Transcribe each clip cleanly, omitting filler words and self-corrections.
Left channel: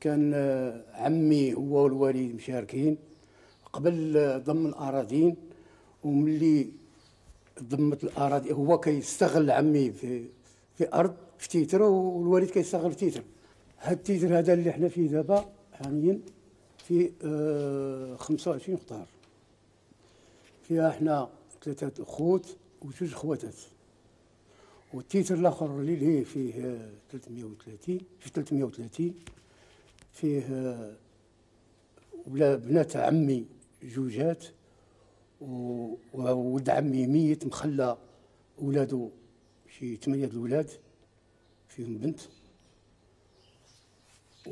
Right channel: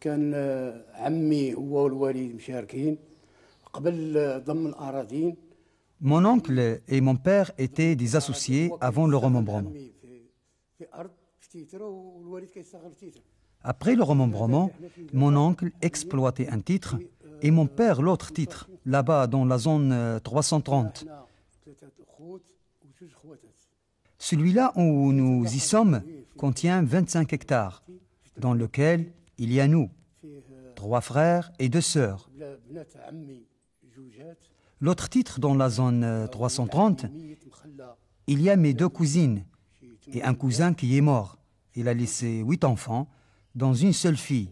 كان عمي هو والوالد مشاركين قبل ضم أراضين. Mon oncle et mon père étaient des associés avant le remembrement. Après le remembrement, mon oncle exploitait un titre et mon père l'autre titre, là-bas dans la zone 330. Celui-là où nous y sommes contient 25 hectares, dans lequel il y a nous, 3 frères et 2 sœurs. L'autre titre dans la zone 330, il y a mes 2 cousines et un cousin qui est mort. Il a laissé 8 enfants, dont une seule fille.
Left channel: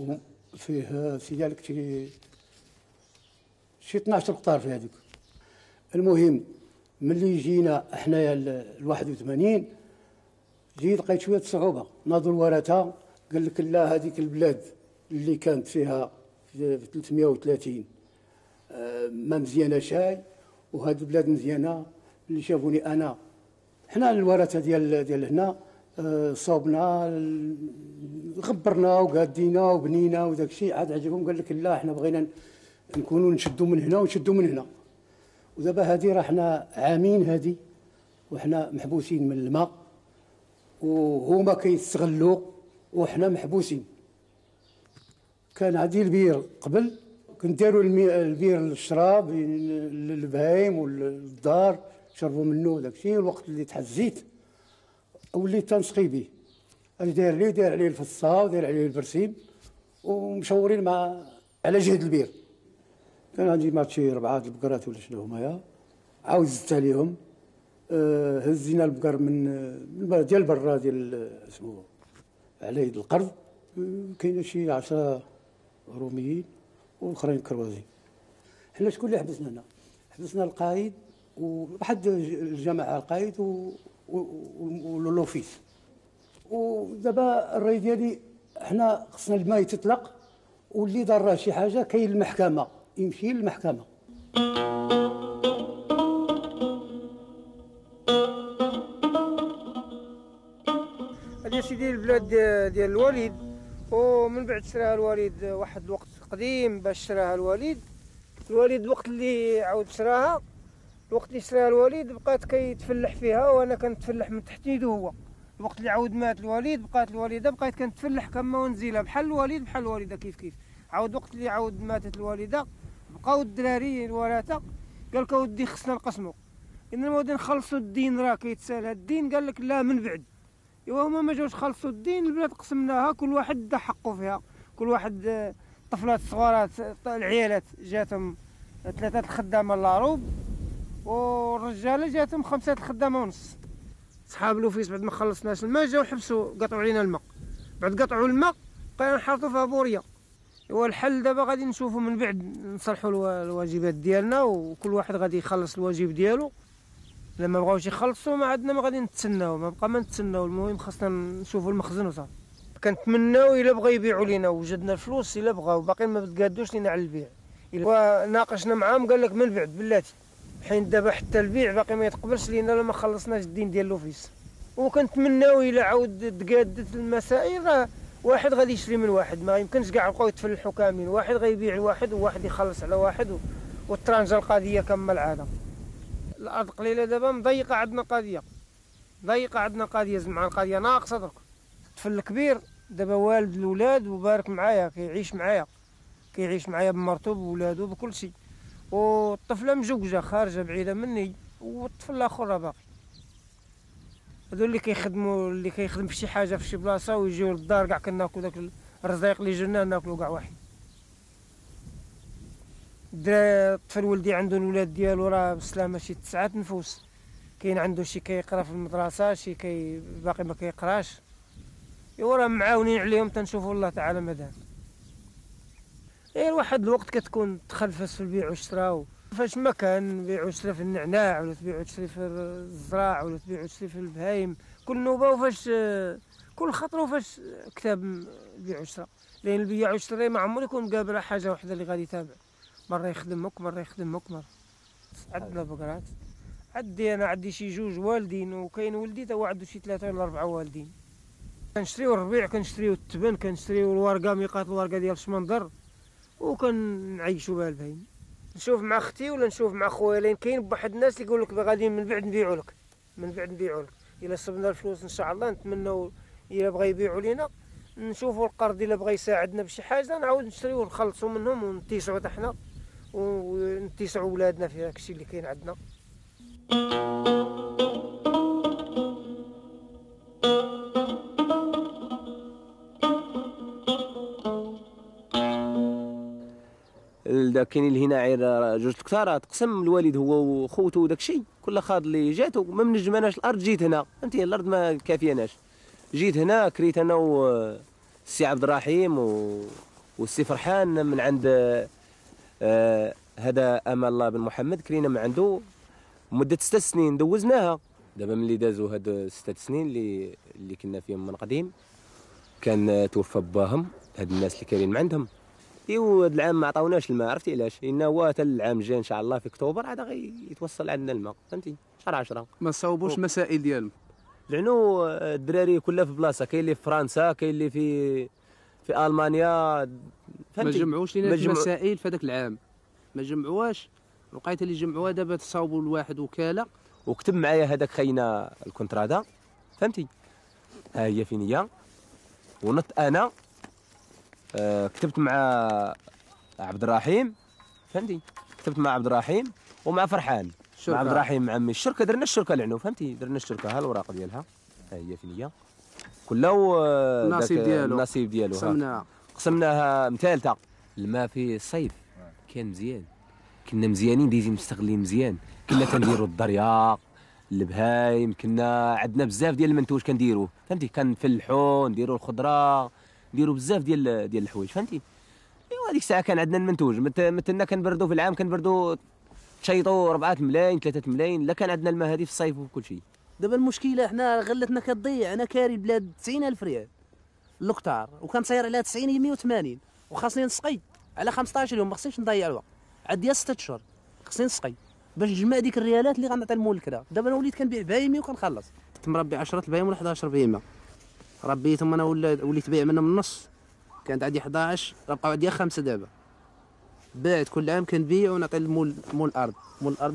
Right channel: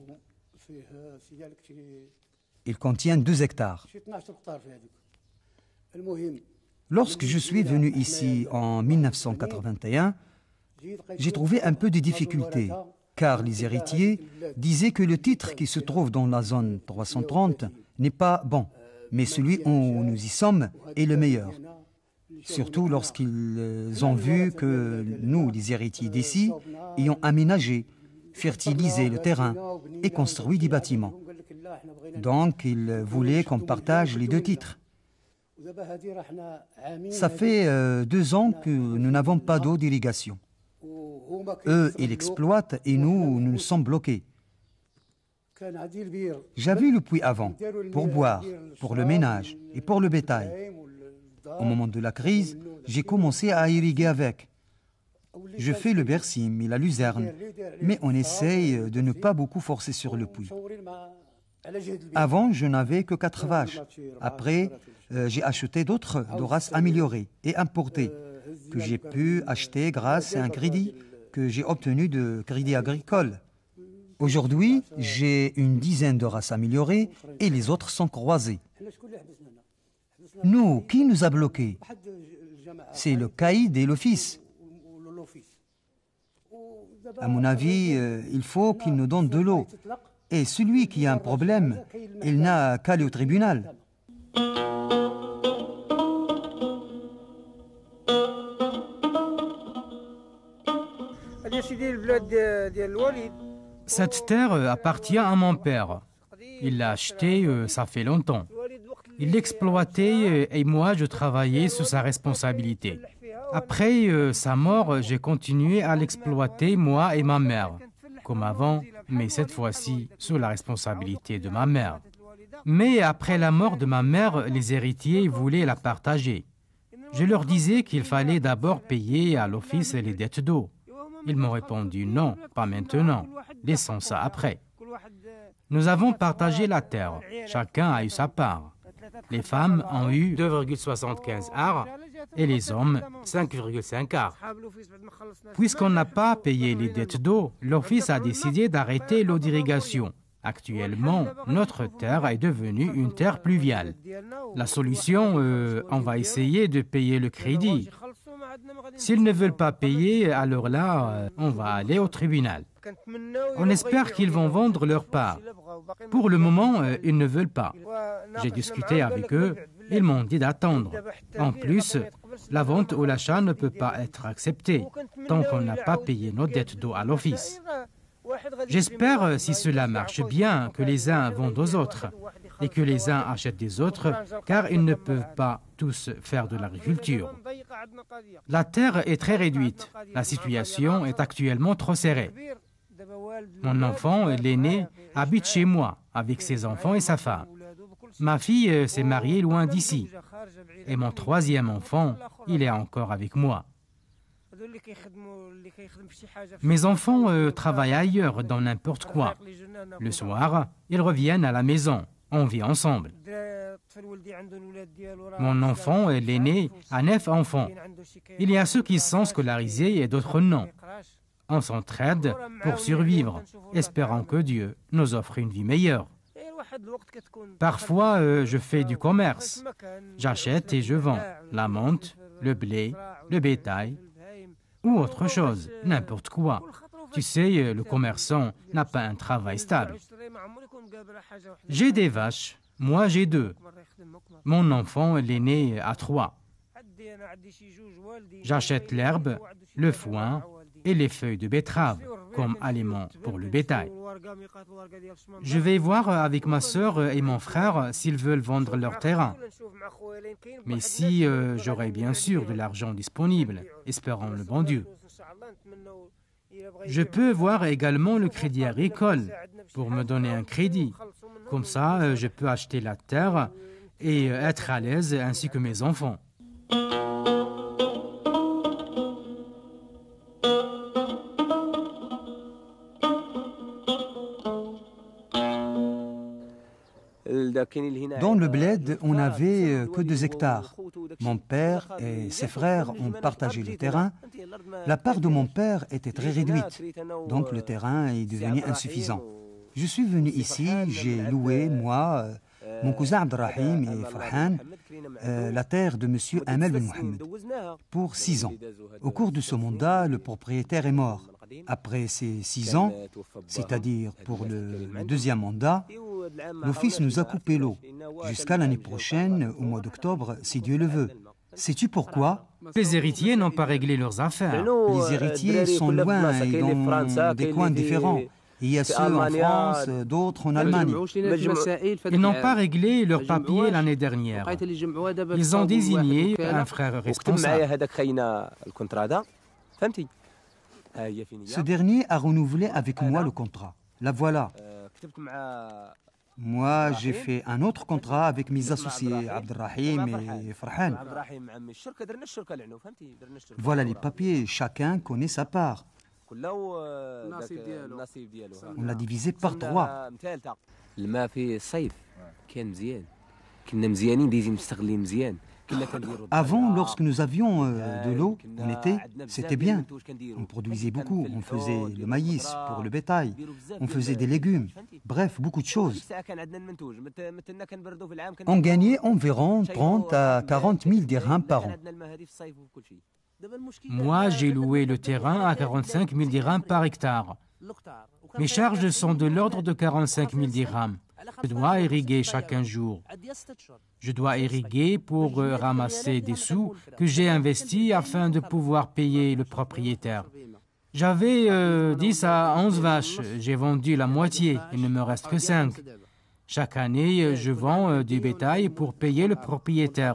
Il contient 2 hectares. Lorsque je suis venu ici en 1981, j'ai trouvé un peu de difficultés, car les héritiers disaient que le titre qui se trouve dans la zone 330 n'est pas bon, mais celui où nous y sommes est le meilleur. Surtout lorsqu'ils ont vu que nous, les héritiers d'ici, ayons aménagé, fertilisé le terrain et construit des bâtiments. Donc, ils voulaient qu'on partage les 2 titres. Ça fait 2 ans que nous n'avons pas d'eau d'irrigation. Eux, ils exploitent et nous sommes bloqués. J'avais le puits avant, pour boire, pour le ménage et pour le bétail. Au moment de la crise, j'ai commencé à irriguer avec. Je fais le bersim et la luzerne, mais on essaye de ne pas beaucoup forcer sur le puits. Avant, je n'avais que 4 vaches. Après, j'ai acheté d'autres races améliorées et importées, que j'ai pu acheter grâce à un crédit que j'ai obtenu de Crédit Agricole. Aujourd'hui, j'ai une dizaine de races améliorées et les autres sont croisées. Nous, qui nous a bloqués? C'est le caïd et l'office. À mon avis, il faut qu'il nous donne de l'eau. Et celui qui a un problème, il n'a qu'à aller au tribunal. Cette terre appartient à mon père. Il l'a achetée, ça fait longtemps. Il l'exploitait et moi je travaillais sous sa responsabilité. Après sa mort, j'ai continué à l'exploiter, moi et ma mère, comme avant, mais cette fois-ci sous la responsabilité de ma mère. Mais après la mort de ma mère, les héritiers voulaient la partager. Je leur disais qu'il fallait d'abord payer à l'office les dettes d'eau. Ils m'ont répondu non, pas maintenant, laissons ça après. Nous avons partagé la terre, chacun a eu sa part. Les femmes ont eu 2,75 arts et les hommes 5,5 arts. Puisqu'on n'a pas payé les dettes d'eau, l'office a décidé d'arrêter l'eau d'irrigation. Actuellement, notre terre est devenue une terre pluviale. La solution, on va essayer de payer le crédit. S'ils ne veulent pas payer, alors là, on va aller au tribunal. On espère qu'ils vont vendre leur part. Pour le moment, ils ne veulent pas. J'ai discuté avec eux, ils m'ont dit d'attendre. En plus, la vente ou l'achat ne peut pas être accepté tant qu'on n'a pas payé nos dettes d'eau à l'office. J'espère, si cela marche bien, que les uns vendent aux autres et que les uns achètent des autres, car ils ne peuvent pas tous faire de l'agriculture. La terre est très réduite. La situation est actuellement trop serrée. Mon enfant, l'aîné, habite chez moi avec ses enfants et sa femme. Ma fille s'est mariée loin d'ici. Et mon 3e enfant, il est encore avec moi. Mes enfants travaillent ailleurs dans n'importe quoi. Le soir, ils reviennent à la maison. On vit ensemble. Mon enfant, l'aîné, a 9 enfants. Il y a ceux qui sont scolarisés et d'autres non. On s'entraide pour survivre, espérant que Dieu nous offre une vie meilleure. Parfois, je fais du commerce. J'achète et je vends la menthe, le blé, le bétail ou autre chose, n'importe quoi. Tu sais, le commerçant n'a pas un travail stable. J'ai des vaches, moi j'ai 2. Mon enfant, l'aîné, a 3. J'achète l'herbe, le foin et les feuilles de betterave comme aliment pour le bétail. Je vais voir avec ma sœur et mon frère s'ils veulent vendre leur terrain. Mais si j'aurai bien sûr de l'argent disponible, espérant le vendu. Je peux voir également le crédit agricole pour me donner un crédit. Comme ça, je peux acheter la terre et être à l'aise ainsi que mes enfants. Dans le bled, on avait que 2 hectares. Mon père et ses frères ont partagé le terrain. La part de mon père était très réduite, donc le terrain est devenu insuffisant. Je suis venu ici, j'ai loué, moi, mon cousin Abdrahim la terre de M. Ahmed Mohamed pour 6 ans. Au cours de ce mandat, le propriétaire est mort. Après ces 6 ans, c'est-à-dire pour le deuxième mandat, mon fils nous a coupé l'eau jusqu'à l'année prochaine, au mois d'octobre, si Dieu le veut. Sais-tu pourquoi? Les héritiers n'ont pas réglé leurs affaires. Les héritiers sont loin et dans des coins différents. Il y a ceux en France, d'autres en Allemagne. Ils n'ont pas réglé leurs papiers l'année dernière. Ils ont désigné un frère responsable. Ce dernier a renouvelé avec moi le contrat. La voilà. Moi, j'ai fait un autre contrat avec mes associés, Abdrahim et Farhan. Voilà les papiers, chacun connaît sa part. On a divisé par 3. الماء في الصيف كان مزيان كنا مزيانين ديزي مستغلين مزيان كنا كنديروا Avant, lorsque nous avions de l'eau, كنا عندنا بزاف ديال المنتوج كنديروا فهمتي كنفلحوا نديروا الخضره نديروا بزاف ديال فهمتي bref beaucoup de choses. هذيك الساعه كان عندنا المنتوج مثلنا كنبردوا في العام On gagnait environ 30 à 40 000 dirhams لا par كان an. عندنا الماء هذه في الصيف وكل شيء Moi, j'ai loué le terrain à 45 000 dirhams par hectare. Mes charges sont de l'ordre de 45 000 dirhams. Je dois irriguer chaque jour. Je dois irriguer pour ramasser des sous que j'ai investis afin de pouvoir payer le propriétaire. J'avais 10 à 11 vaches. J'ai vendu la moitié. Il ne me reste que 5. Chaque année, je vends du bétail pour payer le propriétaire.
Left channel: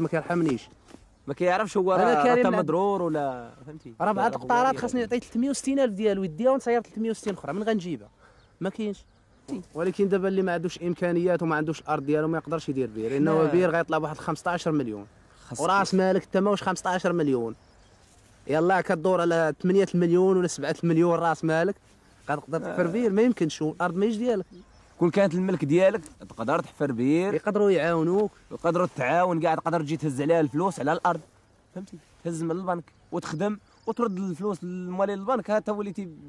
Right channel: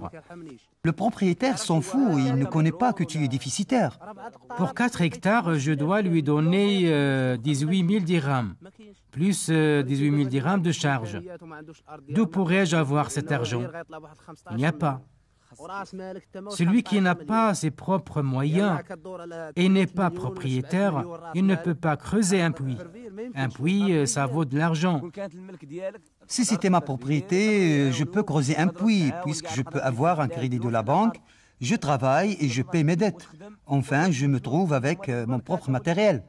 Le propriétaire s'en fout, il ne connaît pas que tu es déficitaire. Pour 4 hectares, je dois lui donner 18 000 dirhams, plus 18 000 dirhams de charge. D'où pourrais-je avoir cet argent? Il n'y a pas. Celui qui n'a pas ses propres moyens et n'est pas propriétaire, il ne peut pas creuser un puits. Un puits, ça vaut de l'argent. Si c'était ma propriété, je peux creuser un puits puisque je peux avoir un crédit de la banque. Je travaille et je paie mes dettes. Enfin, je me trouve avec mon propre matériel.